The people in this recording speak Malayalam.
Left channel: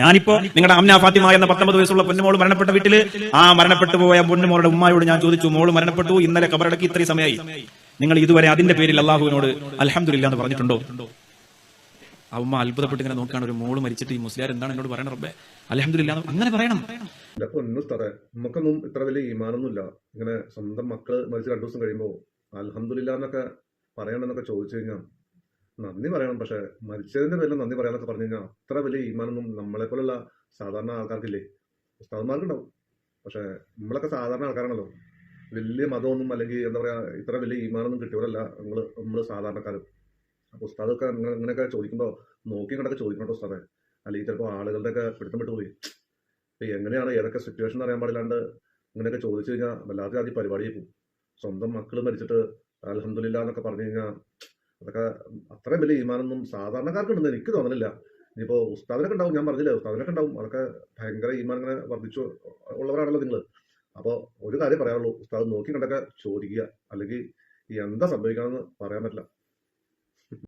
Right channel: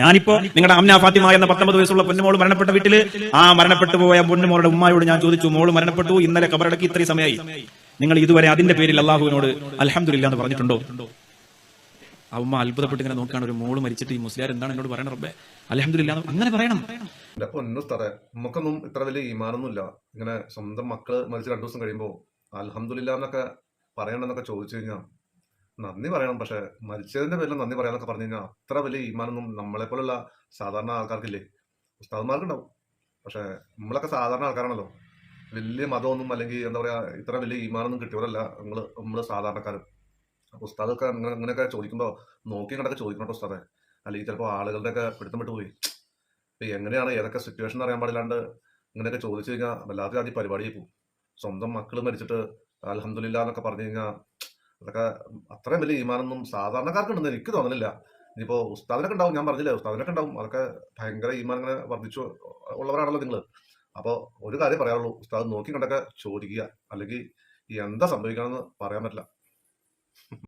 ഞാനിപ്പോ നിങ്ങളുടെ അംന ഫാത്തിമ എന്ന 19 വയസ്സുള്ള പൊന്നുമോള് മരണപ്പെട്ട വീട്ടില് ആ മരണപ്പെട്ടു പോയ പൊന്നുമോളുടെ ഉമ്മയോട് ഞാൻ ചോദിച്ചു, മോള് മരണപ്പെട്ടു, ഇന്നലെ ഖബറടക്കി, ഇത്രയും സമയമായി, നിങ്ങൾ ഇതുവരെ അതിന്റെ പേരിൽ അള്ളാഹുവിനോട് അൽഹംദുലില്ലാ എന്ന് പറഞ്ഞിട്ടുണ്ടോ? ആ ഉമ്മ അത്ഭുതപ്പെട്ട് ഇങ്ങനെ നോക്കുകയാണ്, ഒരു മോള് മരിച്ചിട്ട് ഈ മുസ്ലിയാർ എന്താണ് എന്നോട് പറയണം റബ്ബേ, അൽഹംദുലില്ലാ അങ്ങനെ പറയണം. നമുക്കൊന്നും ഇത്ര വലിയ ഈമാനൊന്നും ഇല്ല. ഇങ്ങനെ സ്വന്തം മക്കള് മരിച്ച് 2 ദിവസം കഴിയുമ്പോൾ അൽഹംദുലില്ലാ എന്നൊക്കെ പറയണമെന്നൊക്കെ ചോദിച്ചു കഴിഞ്ഞാൽ നന്ദി പറയണം. പക്ഷെ മരിച്ചതിന്റെ പേരിൽ നന്ദി പറയാന്നൊക്കെ പറഞ്ഞു കഴിഞ്ഞാൽ അത്ര വലിയ ഈമാനൊന്നും നമ്മളെ പോലുള്ള സാധാരണ ആൾക്കാർക്കില്ലേ. ഉസ്താദന്മാർക്കുണ്ടാവും, പക്ഷെ നമ്മളൊക്കെ സാധാരണ ആൾക്കാരാണല്ലോ. വലിയ മതമൊന്നും അല്ലെങ്കിൽ എന്താ പറയാ ഇത്ര വലിയ ഈമാനൊന്നും കിട്ടിയവരല്ല നമ്മള് സാധാരണക്കാർ. അപ്പൊ ഉസ്താദൊക്കെ അങ്ങനെയൊക്കെ ചോദിക്കുമ്പോൾ നോക്കി കണ്ടൊക്കെ ചോദിക്കണം കേട്ടോ ഉസ്താദെ. അല്ലെങ്കിൽ ചിലപ്പോൾ ആളുകളുടെ ഒക്കെ പിടുത്തം വിട്ട് പോയി. ഇപ്പൊ എങ്ങനെയാണ് ഏതൊക്കെ സിറ്റുവേഷൻ അറിയാൻ പാടില്ലാണ്ട് ഇങ്ങനെയൊക്കെ ചോദിച്ചു കഴിഞ്ഞാൽ വല്ലാത്ത ആദ്യം പരിപാടിയായി പോകും. സ്വന്തം മക്കള് മരിച്ചിട്ട് അൽഹംദുലില്ലാ എന്നൊക്കെ പറഞ്ഞു കഴിഞ്ഞാൽ അതൊക്കെ അത്രയും വലിയ ഈമാനൊന്നും സാധാരണക്കാർക്ക് ഉണ്ടെന്ന് എനിക്ക് തോന്നുന്നില്ല. ഇനിയിപ്പോ ഉസ്താദിനൊക്കെ ഉണ്ടാവും, ഞാൻ പറഞ്ഞില്ലേ ഉസ്താദിനൊക്കെ ഉണ്ടാവും, അതൊക്കെ ഭയങ്കര ഈമാൻ ഇങ്ങനെ വർദ്ധിച്ചു ഉള്ളവരാണല്ലോ നിങ്ങൾ. അപ്പോൾ ഒരു കാര്യം പറയാനുള്ളൂ, ഉസ്താദ് നോക്കി കണ്ടൊക്കെ ചോദിക്കുക, അല്ലെങ്കിൽ എന്താ സംഭവിക്കണമെന്ന് പറയാൻ പറ്റില്ല.